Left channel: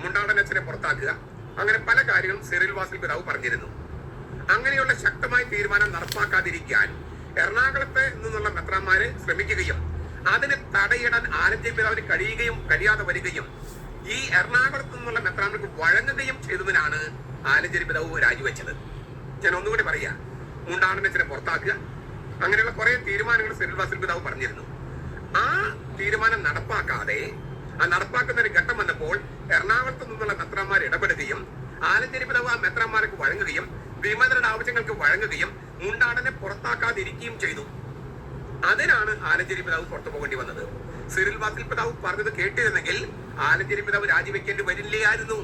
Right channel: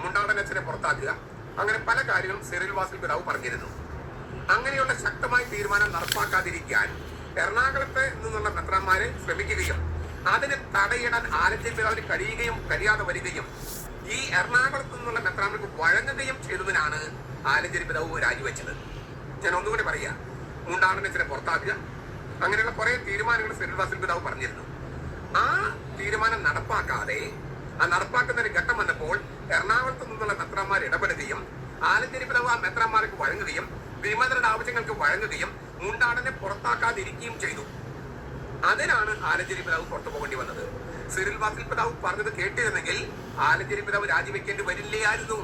മുണ്ടാടനച്ചനെ പുറത്താക്കുക, അങ്ങനെ പല കാര്യങ്ങളും സിറിൽ വാസിൽ പിതാവ് പറഞ്ഞിരുന്നു. അങ്ങനെയുള്ള ശക്തമായ തീരുമാനം നടപ്പാക്കാതിരിക്കാൻ എറണാകുളത്ത് നിന്നുള്ള മെത്രാന്മാരെ ശ്രമിക്കുകയും അതിന് തടയിടാൻ ആലഞ്ചേരി പിതാവിന് കഴിയാതെ വരികയും ഈ എറണാകുളത്ത് നിന്നുള്ള മെത്രാന്മാർക്ക് വഴങ്ങുകയും ചെയ്തതിനാണ് ആലഞ്ചേരി പിതാവ് രാജിവെച്ചത്. ഞാൻ ഒന്നുകൂടി പറയാ, മുണ്ടാടനച്ചനെ പുറത്താക്കുക, അങ്ങനെയുള്ള കുറെ തീരുമാനങ്ങൾ സിറിൽ വാസിൽ പിതാവ് പറഞ്ഞിരുന്നു. ആ തീരുമാനം നടപ്പാക്കുന്ന ഒരു ഘട്ടം വന്നപ്പോൾ എറണാകുളത്ത് നിന്നുള്ള മെത്രാന്മാർ ഇടപെടുകയും ആലഞ്ചേരി പിതാവ് ആ മെത്രാന്മാർക്ക് വഴങ്ങുകയും വിമതരുടെ ആവശ്യങ്ങൾക്ക് വഴങ്ങുകയും മുണ്ടാടനെ പുറത്താക്കാതിരിക്കുകയും ചെയ്തു. അതിനാണ് ആലഞ്ചേരി പിതാവ് പുറത്തു പോകേണ്ടി വന്നത്. സിറിൽ വാസിൽ പിതാവ് പറഞ്ഞത് കേട്ടിരുന്നെങ്കിൽ ആലഞ്ചേരി പിതാവ് രാജിവെക്കേണ്ടി വരില്ലായിരുന്നു.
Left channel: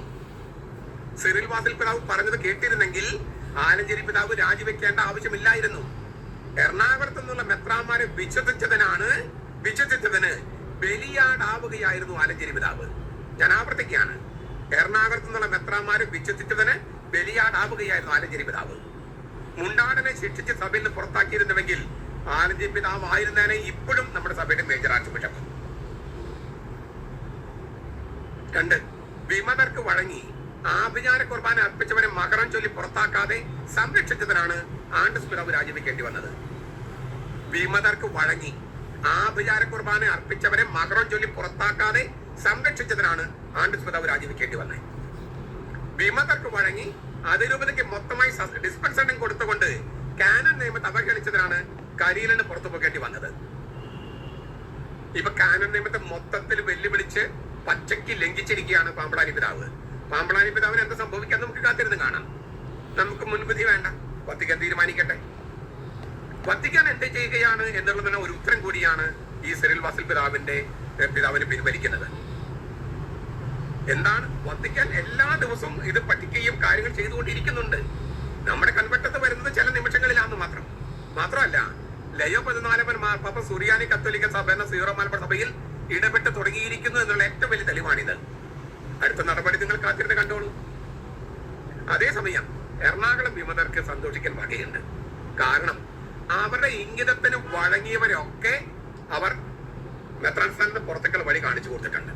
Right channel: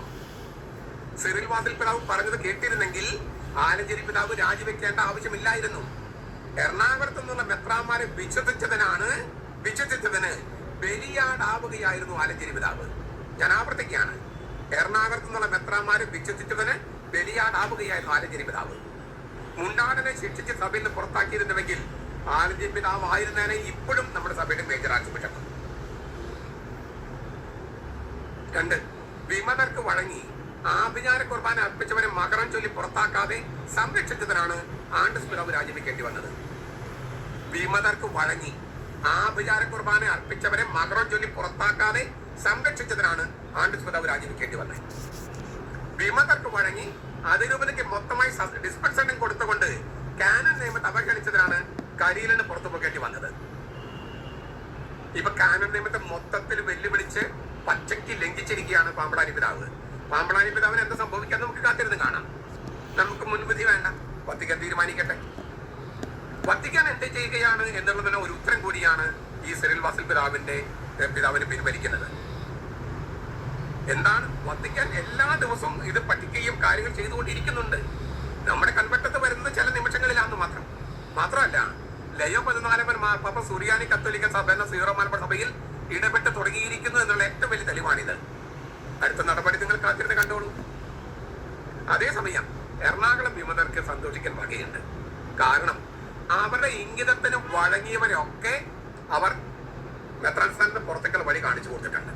സിറിൽ വാസിൽ പിതാവ് പറഞ്ഞത് കേട്ടിരുന്നെങ്കിൽ ആലഞ്ചേരി പിതാവ് രാജിവെക്കേണ്ട ആവശ്യമില്ലായിരുന്നു. എറണാകുളത്ത് നിന്നുള്ള മെത്രാന്മാരെ വിശ്വസിച്ചതിന് ബലിയാടാവുകയായിരുന്നു ആലഞ്ചേരി പിതാവ്. ഞാൻ ആവർത്തിക്കുകയാണ്, എറണാകുളത്ത് നിന്നുള്ള മെത്രാന്മാരെ വിശ്വസിച്ചതിന് ബലിയാടാവുകയായിരുന്നു ആലഞ്ചേരി പിതാവ്. മുണ്ടാടനെ ശിക്ഷിച്ച് സഭയിൽ നിന്ന് പുറത്താക്കിയിരുന്നുവെങ്കിൽ ആലഞ്ചേരി പിതാവ് ആയിരുന്നേനെ ഇപ്പോഴും നമ്മുടെ സഭയുടെ മേജർ ആർച്ച് ബിഷപ്പ്. 2, വിമതർക്ക് വഴങ്ങി ആഭിചാര കുർബാന അർപ്പിച്ചവരെ മകരം ചൊല്ലി പുറത്താക്കാതെ സംരക്ഷിച്ചതിനാണ് ആൻഡ്രൂസ് പിതാവ് രാജിവെക്കേണ്ടി വന്നത്. വിമതർക്ക് വഴങ്ങി ആഭിചാര കുർബാന അർപ്പിച്ചവരെ മകരം ചൊല്ലി പുറത്താക്കാതെ സംരക്ഷിച്ചതിനാണ് ആൻഡ്രൂസ് പിതാവ് രാജിവെക്കേണ്ടി വന്നത്. വിമതർക്ക് വഴങ്ങി അതിരൂപതയ്ക്ക് മൊത്തമായി ഡിസ്പെൻസറിംഗ് കൊടുത്തുകൊണ്ട് കാനൻ നിയമത്തെ അവഹേളിച്ചതിനാണ് കരിയിലിന് പുറത്തു പോകേണ്ടി വന്നത്. ഇപ്പൊ കാനൻ നിയമത്തെ മൊത്തത്തിൽ വെല്ലുവിളിച്ച് പച്ചയ്ക്ക് ലംഘിച്ചിരിക്കുകയാണ് പാമ്പളാനി പിതാവ്. പാമ്പളാനി പിതാവിന് എന്താ സംഭവിക്കാൻ നമുക്ക് കാത്തിരുന്ന് കാണാം. നമുക്ക് മുൻവിധി വേണ്ട, വത്തിക്കാൻ തീരുമാനിക്കട്ടെ. വത്തിക്കാൻ എന്ത് ചെയ്യുകയാണ് എന്നുള്ളതിന് ഒരു ഉത്തരം കൂടിയാണ് ഈ സിറിൽ വാസിൽ പിതാവിന് പിൻവലിക്കുന്നത്. എന്താണ് വത്തിക്കാൻ എല്ലാ ദിവസവും ഇത് പഠിക്കുകയും കാര്യങ്ങൾ ചെയ്തുകൊണ്ടിരിക്കുന്നുണ്ട്. നമ്മുടെ കൺവെട്ടത്ത് വരുന്നത് ചില നിമിഷങ്ങളിലാണെന്ന് മാത്രമല്ല ലയോ 14 പാപ്പ സുറിയാനി കത്തോലിക്ക സഭ എന്ന സീറോ മലബാർ സഭയിൽ ഇടപെട്ട് തുടങ്ങിയിരിക്കുന്നു എന്നുള്ള ഏറ്റവും വലിയ തെളിവാണിത്. അടുത്ത നടപടി നിങ്ങൾ കാത്തിരുന്ന് കണ്ടോളൂ. അതേസമയം എറണാകുളം വിമതർക്ക് സന്തോഷിക്കാൻ വകയുണ്ട്. കാരണം അവരുടെ ഇംഗിതത്തിന് വഴങ്ങിയവരൊക്കെ അവർ മെത്രാൻ സ്ഥാനത്ത് പുറത്തേക്കുള്ള വഴി കാണിച്ചു കൊടുത്തിട്ടുണ്ട്.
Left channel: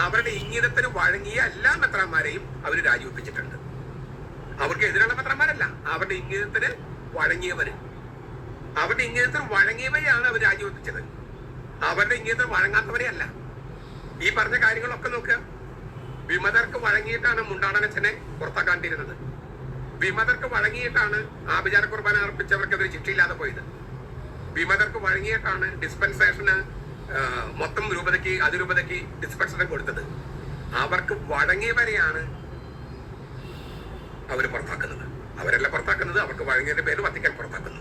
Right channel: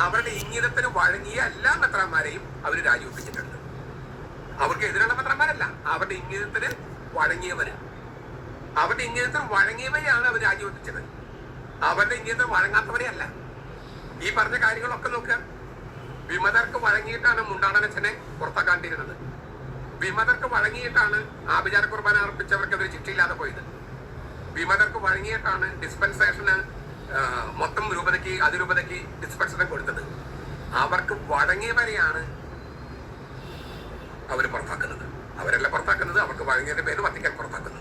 അവരുടെ ഇംഗിതത്തിന് വഴങ്ങിയ എല്ലാ മെത്രാന്മാരെയും അവർ രാജിവെപ്പിച്ചിട്ടുണ്ട്. അവർക്ക് എതിരുള്ള മെത്രാന്മാരല്ല, അവരുടെ ഇംഗിതത്തിന് വഴങ്ങിയവരെയാണ് അവർ രാജിവെപ്പിച്ചത്. അവരുടെ ഇംഗിതത്തിന് വഴങ്ങാത്തവരെ അല്ല. ഈ പറഞ്ഞ കാര്യങ്ങളൊക്കെ നോക്കുക. വിമതർക്ക് വഴങ്ങിയിട്ടാണ് മുണ്ടാടനച്ചനെ പുറത്താക്കാണ്ടിരുന്നത്. വിമതർക്ക് വഴങ്ങിയിട്ടാണ് ആഭിചാര കുർബാന അർപ്പിച്ചവർക്കെതിരെ ശിക്ഷയില്ലാതെ പോയത്. വിമതർക്ക് വഴങ്ങിയിട്ടാണ് ഡിസ്പെൻസേഷന് മൊത്തം അതിരൂപതയ്ക്ക് ഡിസ്പെൻസേഷൻ കൊടുത്തത്. അവർക്ക് വഴങ്ങിയവരെയാണ് അവർ പുറത്താക്കുന്നത്. അവരല്ല പുറത്താക്കുന്നത്, അവർക്ക് വഴങ്ങിയതിന്റെ പേര് വത്തിക്കാൻ പുറത്താക്കുന്നു.